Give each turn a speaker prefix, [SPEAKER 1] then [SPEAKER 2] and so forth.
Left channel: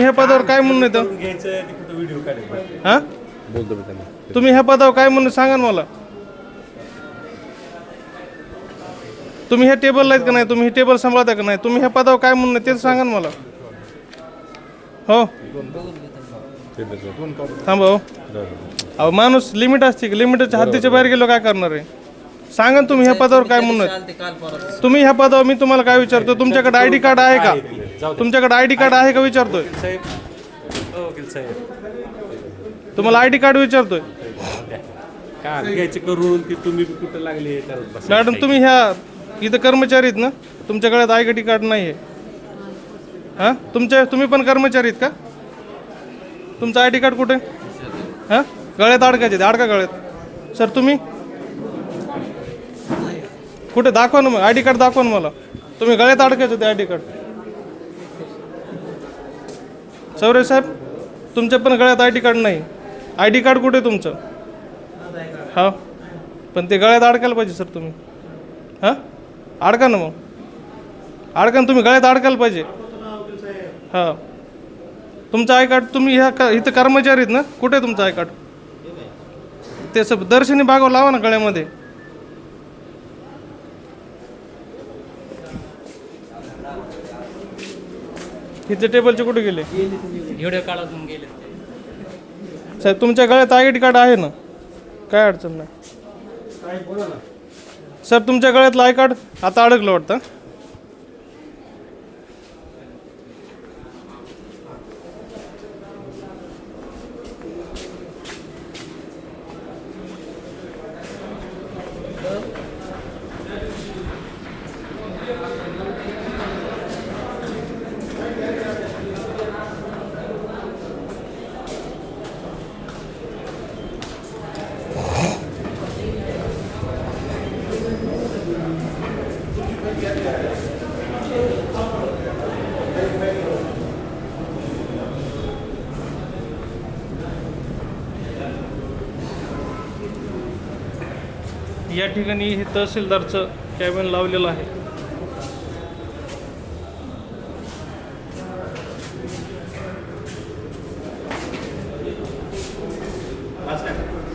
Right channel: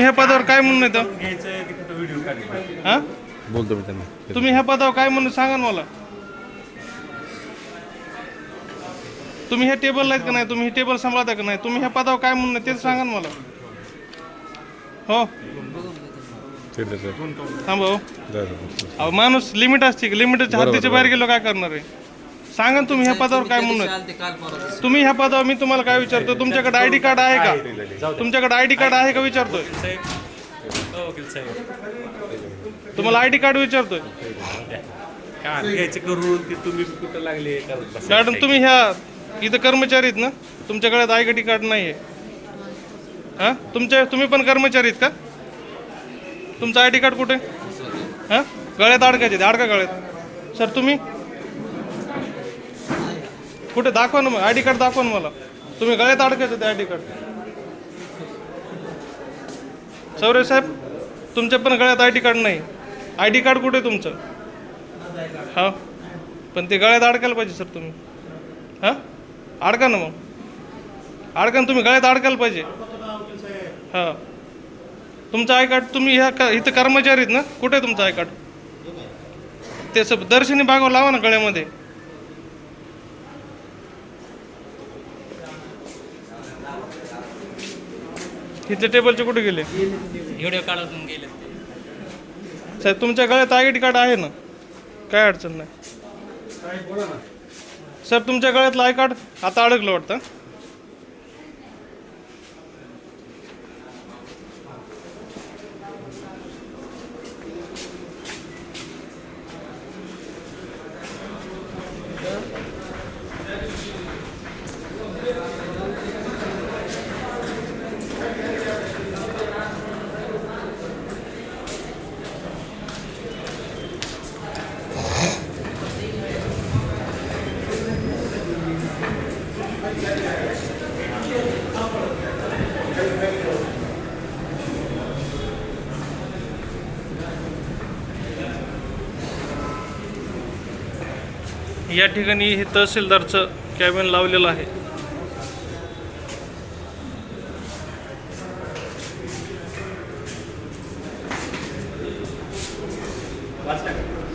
[SPEAKER 1] ह्या पदावर काय म्हणणं येतं
[SPEAKER 2] करून घ्यायचं की कुठं व्हिडिओ काढायचा?
[SPEAKER 1] हा?
[SPEAKER 3] बोलतो मी त्यांना.
[SPEAKER 1] तुम्ही ह्या पदावर काय म्हणणं सांगा ना मला. तुम्ही हे टेबल आहेत का नाही? तुम्ही हे टेबल सांभाळता का नाही? तुम्ही ह्या पदावर काय म्हणणं तेच सांगा ना मला. हो. थांबा हो. अहो माणूस लिमिट असते की? लिमिटच्या हद्दीच्या बाहेर गेलो काय करणार आहे? सांगा ना तुम्ही ह्या पदावर काय म्हणणं आहे? तुम्ही ह्या पदावर मी तुम्हाला काय विचारतो? तुमच्याकडे आय डी कार्ड आहे का? तुमच्याकडे आय डी कार्ड आहे का विचारतोय?
[SPEAKER 2] साहेब. हो, वकील साहेब.
[SPEAKER 1] तुम्हाला आय डी कार्ड विचारतोय?
[SPEAKER 2] का घ्यायचं करून? ते तुम्ही बी कुठं लागले? करत बसा.
[SPEAKER 1] मॅडम तुम्ही ह्या इथं कर्मचारी आहेत ना? तुमच्याकडे आय डी कार्ड नाही आहे हां? तुमच्या तुम्ही पण कर्मचारी आहेत का? तुमचं आय डी कार्ड कुठे? हां? गळ्यात अडकायचे अडका गळ्यात. सर तुम्ही? कुठे? दाखवा ना मग. आय डी कार्ड दाखवा ना मला. तुम्ही गळ्यात अडकायचे ते आय डी कार्ड. सौरभ साहेब तुमच्या पण गळ्यात आय डी कार्ड नाही. आय डी कार्ड कुठे आहे तुमचं? हा? पण ते गळ्यात अडकायला पाहिजे सर तुम्ही. हां? अडका ना मग. अडका ना तुम्ही गळ्यात अडकायला पाहिजे. हां. तुमचं आय कार्ड तुम्ही ह्या क इथं कर्मचारी आहेत ना? कुठे आहे तुमचं आय कार्ड? ते सब दर्शनी भागावर लावा ना गळ्यामध्ये. तिथे टेबलचे कुठे गेले?
[SPEAKER 4] व्हिडिओ काढून गेले.
[SPEAKER 1] साहेब तुमच्या गळ्यात आय डी कार्ड आहे ना? काय अडचण नाही. सर तुमच्या गळ्यातलं आय कार्ड आता अडकलं वाटतं. या ठिकाणी हे तहसीलदारचं कॅबिन लावलेलं आहे.